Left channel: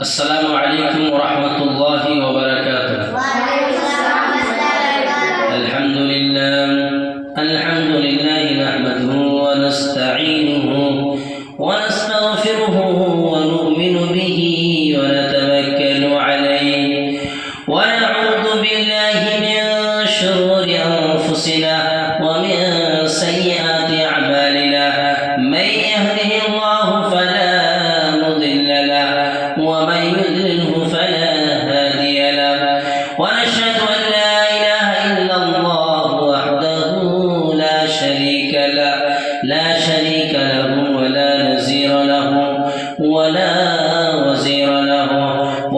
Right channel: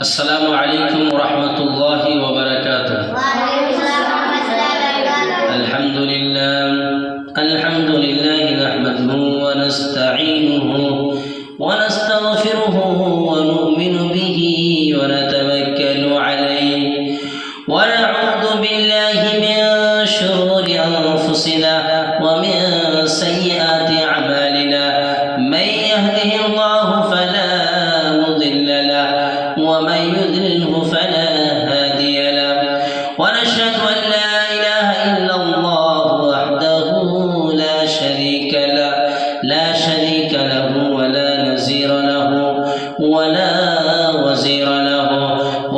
السلام عليكم ورحمة الله وبركاته. الحمد لله نحمده ونستعينه ونستغفره ونؤمن به ونتوكل عليه ونعوذ بالله من شرور أنفسنا ومن سيئات أعمالنا. من يهده الله فلا مضل له ومن يضلله فلا هادي له. ونشهد أن لا إله إلا الله وحده لا شريك له ولا نظير له ولا وزير له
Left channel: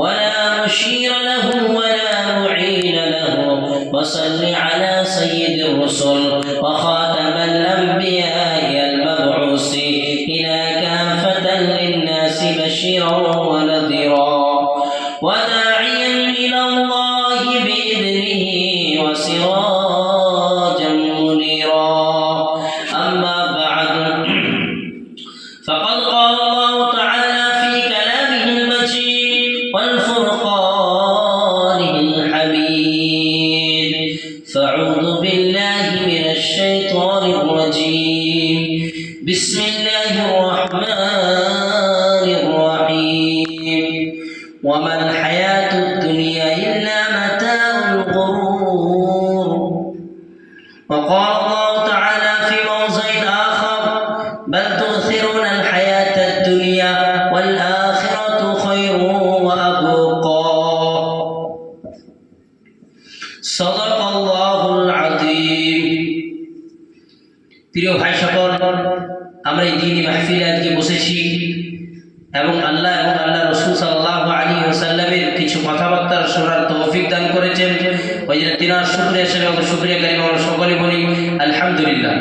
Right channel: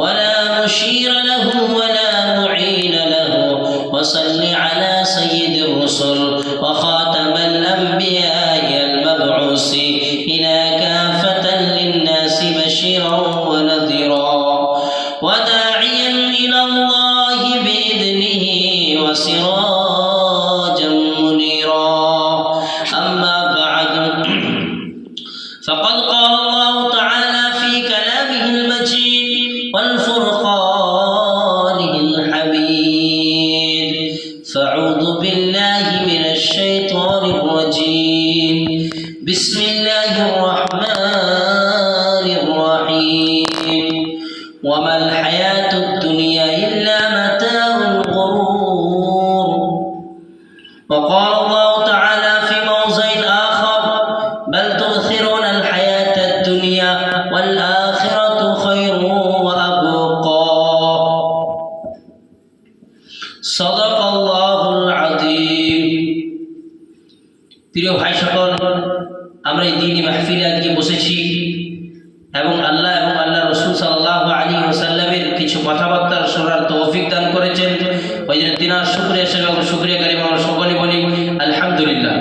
ولا مشير له ولا معين له. وصل على سيد الرسل وخاتم الأنبياء المبعوث إلى كافة للناس بشيرا ونذيرا وداعيا إلى الله بإذنه وسراجا منيرا. أما بعد فقد قال الله تعالى في كلامه المجيد والفرقانه الحميد. فأعوذ بالله من الشيطان الرجيم. بسم الله الرحمن الرحيم. وما الحياة الدنيا إلا متاع الغرور. وقال الله تعالى في موضع آخر بل تؤثرون الحياة الدنيا والآخرة خير وأبقى. صدق الله العظيم. প্রিয় ভাই সকল, আমরা এই দ্বীনি মাহফিলে আজকে বসেছি এবং আল্লাহ রসুল সাল্লাল্লাহু আলাইহি ওয়াসাল্লামের কিছু কথাবার্তা শোনার তৌফিক দান করেছেন। ওই জন্য তিনার শুকরিয়া এবং শুকরিয়া কারীম আমরা সকলে বলি আলহামদুলিল্লাহ।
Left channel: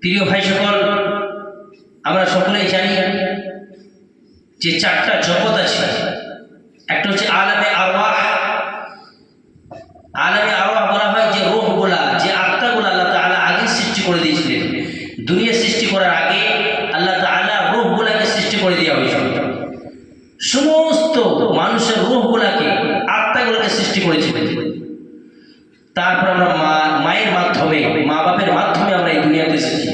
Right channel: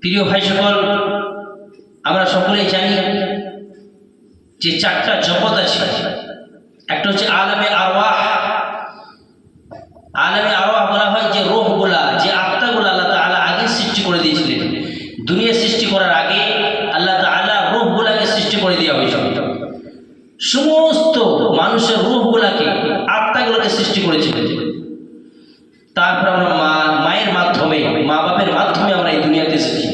প্রিয় ভাই সকল, আমরা সকলেই জানি যে চারটা জগৎ আছে। একটা হচ্ছে আলামে আরওয়াহ। আলামে আরওয়াহ বলা হয় যে রূহগুলা, যে আত্মাগুলা আল্লাহ তাআলা আগে সৃষ্টি করে দিয়েছিলেন। দুনিয়া সৃষ্টি করার আগে আল্লাহ তাআলা রূহগুলাকে সৃষ্টি করে দেওয়া হয়েছিল। সমস্ত মানুষের রূহগুলাকে, আত্মাগুলোকে সৃষ্টি করেছিলেন। তারপর আমরা মায়ের মাধ্যমে, মা বাপের মাধ্যমে আমরা এই দুনিয়াতে এসেছি।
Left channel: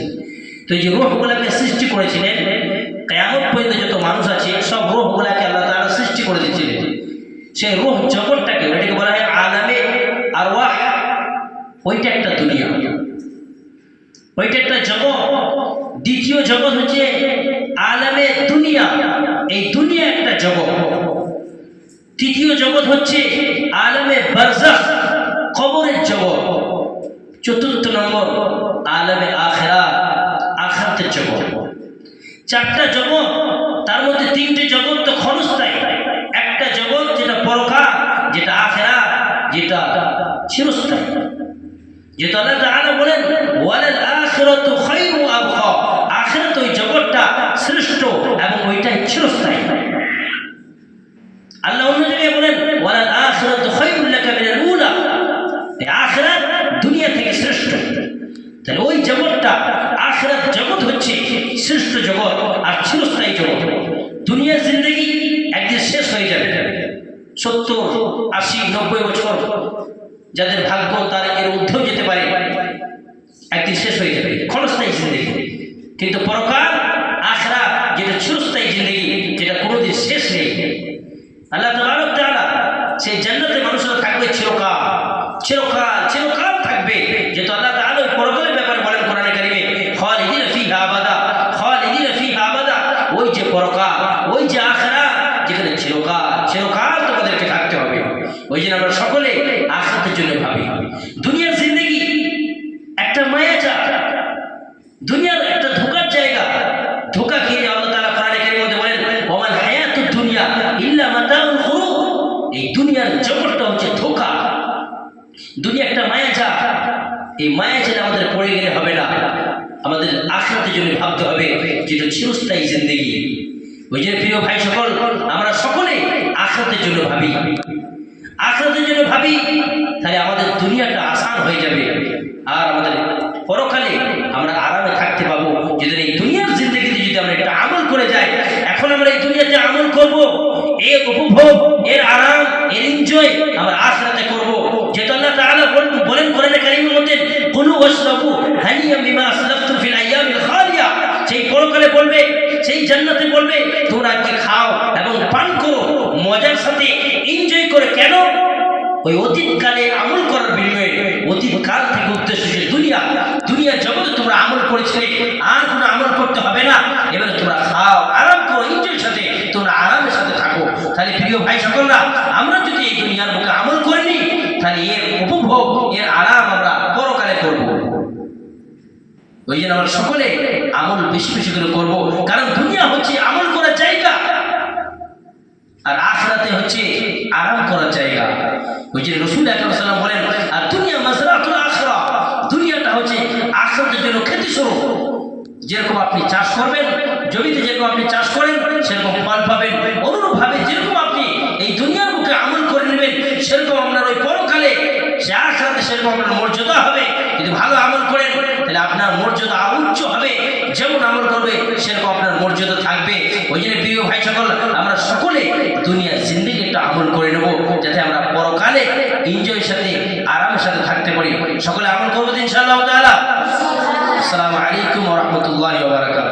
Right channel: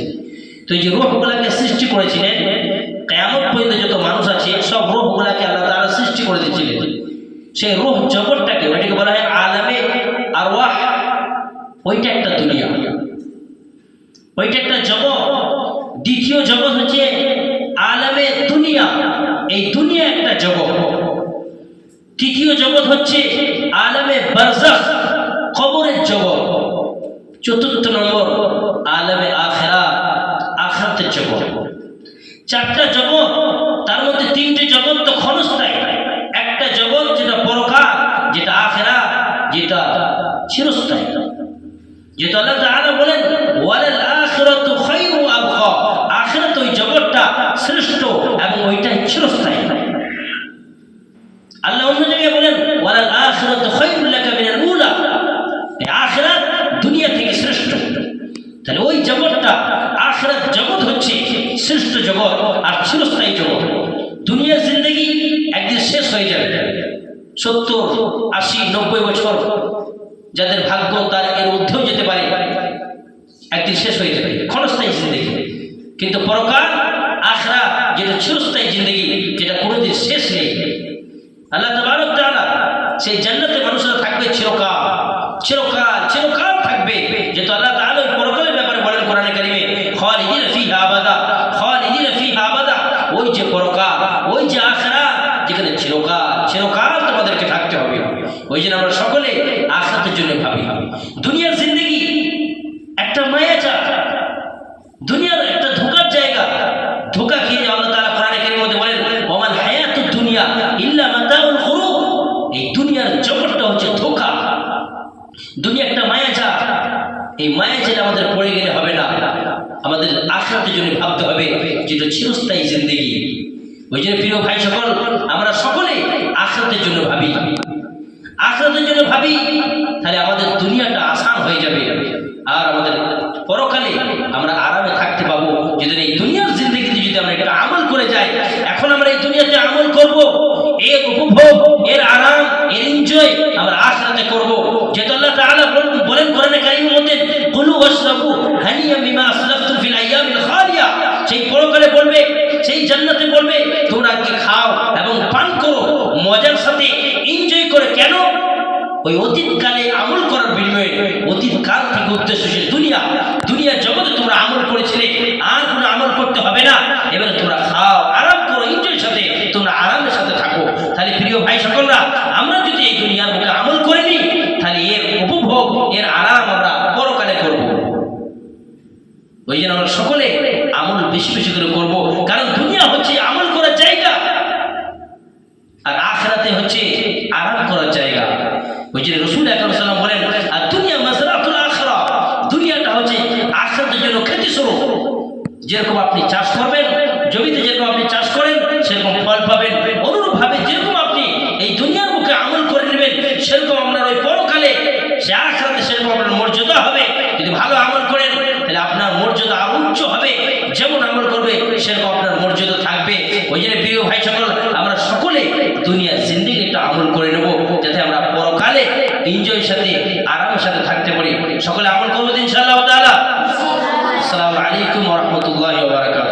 তো এই যে রূহগুলাকে সৃষ্টি করেছিলেন, কিয়ামত পর্যন্ত যত মানুষ আছে সব রূহগুলাকে আল্লাহ তাআলা সৃষ্টি করে দিয়েছিলেন। সেই রূহ জগৎটাকে, ওইটাকে বলা হয় আলামে আরওয়াহ। ওইটা একটা দুনিয়া, ওইটা একটা জগৎ। দ্বিতীয় জগৎ হচ্ছে আলামে দুনিয়া। এই দুনিয়া একটা জগৎ। তৃতীয় জগৎ হচ্ছে আলামে বারজাখ, কবরের জগৎ। চতুর্থ নম্বর আলামে আখিরাত, আখিরাতের জগৎ। চারটা জগৎ, তার মধ্যে তিনটে জগৎ তো ক্ষণস্থায়ী। একটা জগৎ যেটা পরকাল, যেটা আখিরাত, যেটা চিরস্থায়ী। যেটা আল্লাহ তাআলা বলেন ওয়ালাল আখিরাতু খায়রু ওয়া আবকা। আখিরাত, ওই জগৎটা শ্রেষ্ঠ এবং ওইটাই চিরস্থায়ী। আল্লাহ অন্য জায়গায় বলেন ওয়ালাল আখিরাতু খায়রুল লাকা মিনাল উলা। এই আখিরাত দুনিয়া থেকে শ্রেষ্ঠ। তাহলে ওই জগৎটা, আখিরাত জগৎ হচ্ছে শ্রেষ্ঠ জগৎ আর চিরস্থায়ী জগৎ। দুনিয়ার জিন্দেগি একদিন শেষ হয়ে যাবে। 70, 80, 90 বছর যাদের ভাগ্য তার এর ঊর্ধ্বেও যেতে পারে, একদিন শেষ হয়ে যাবে, ক্ষণস্থায়ী জিন্দেগি। কিন্তু পরকাল, আখিরাত যেটা চিরস্থায়ী জিন্দেগি, যেটা কোনোদিন শেষ নেই। আল্লাহ তাবারক ওয়া তাআলা সেই জান্নাতে মানুষরা থাকবে চিরকাল, চিরকাল, চিরকাল থাকবে। যেহেতু আল্লাহ তাআলা ওই পরকালের ব্যাপারে বলেন কোরআনে কারিমে খালিদিনা ফিহা আবাদা, খালিদিনা ফিহা আবাদা। ওই যে পরকাল, ওই যে আখিরাত, যেখানে চিরকাল, চিরকাল তোমাদেরকে থাকতে হবে। ওই জন্য আমরা সকলে আখিরাতের জন্য ভাবি। দুনিয়ার জিন্দেগি একটা মায়াজাল, দুনিয়ার একটা ধোঁকার জায়গা। ধোঁকা খেয়ে আল্লাহ তাআলা কোরআনে কারীমের মধ্যে বলেন ওয়ামাল হায়াতুদ দুনিয়া ইল্লা মাতাউল গুরুর। এই দুনিয়ার জগৎটা হচ্ছে ধোঁকা। দুনিয়া একটা মায়াজাল। এই মায়াজালে আমাদের পড়ে গেলে হবে না, আমাদের আখিরাতের জন্য ভাবতে হবে, যেটা চিরস্থায়ী জিন্দেগি। ওই জন্য প্রিয় ভাই সকল, আমরা সকলে আখিরাতের জন্য ভাবি। আখিরাতের জন্য ভাবি, তাহলে আমাদের দুনিয়াটা আসান হয়ে যাবে আর আমাদের পরকালে আমরা আরামে থাকতে পাবো। যদি এই দুনিয়ার জিন্দেগিতে যদি আমরা একটা আমল করে যাই, এখন আমরা এই দুনিয়াতে আমল করব, এর উপভোগ, এর আরাম, এর এনজয় আমরা আখিরাতে করব। যেটা আল্লাহ তাআলা বলেন কোরআনে কারীমের মধ্যে, কুলু ওয়াশরাবু হানিয়াম বিমা আসলাফতুম ফিল আইয়ামিল খালিয়া। সেই পরকালে বলবে, সেই জান্নাতে বলবে, তোমরা আজকে খাও এবং পান করো মজার সাথে, এনজয় করে। কেন? ওই অতীতকালে আমল করার বিনিময়ে, অতীতকাল থেকে উদ্দেশ্য ছিল দুনিয়ার জগতে তোমরা আমল করেছিলে, আর কোনো আমল করতে হবে না। এবারে তোমরা খাও, আরাম করো, এনজয়ের সাথে তোমরা আরামের সাথে থাকো। তাহলে প্রিয় ভাই সকলরা, আমরা যদি এই দুনিয়ার বুকে আমল করে নিই, তাহলে এর উপভোগ, এর আরাম আমরা পরকালে করব। ওই জন্য আমরা সকলে আমল বেশি বেশি করে করবো, কারণ দুনিয়া হচ্ছে আমল করার জায়গা, আর আখিরাতে হচ্ছে আরাম করার জায়গা। ওই যে রাসূল আকরাম সাল্লাল্লাহু আলাইহি ওয়াসাল্লাম বলেন, আর দুনিয়া মাযরাতুল আখিরা, দুনিয়াটা হচ্ছে আখিরাতের জন্য খেতি স্বরূপ। যেরকম আপনি চাষ করবেন, জমিতে যেরকম আপনি চাষ করেন সেরকম ফল পাবেন, অনুরূপভাবে যেরকম আপনি এই দুনিয়ার বুকে আমল করে নেবেন, সেরকম আপনার ওই পরকালে, সে আখিরাতে সেরকম আপনার মর্যাদা হবে। যদি ভালো আমল করেন তাহলে আপনার মর্যাদা উচ্চ হবে, যেমন আমল করবে সেরকম আপনার মর্যাদা থাকবে। ওই জন্য প্রিয় ভাই সকল, আমরা সকলে দুনিয়ার জিন্দেগি একটা আমল করে নেব, যাতে আমরা পরকালে এনজয়ের সাথে, আরামের সাথে থাকতে পারি। সকলে আমল করবো ইনশাআল্লাহ তাআলা। আসসালামু আলাইকুম ওয়া রাহমাতুল্লাহি ওয়া বারাকাতুহু।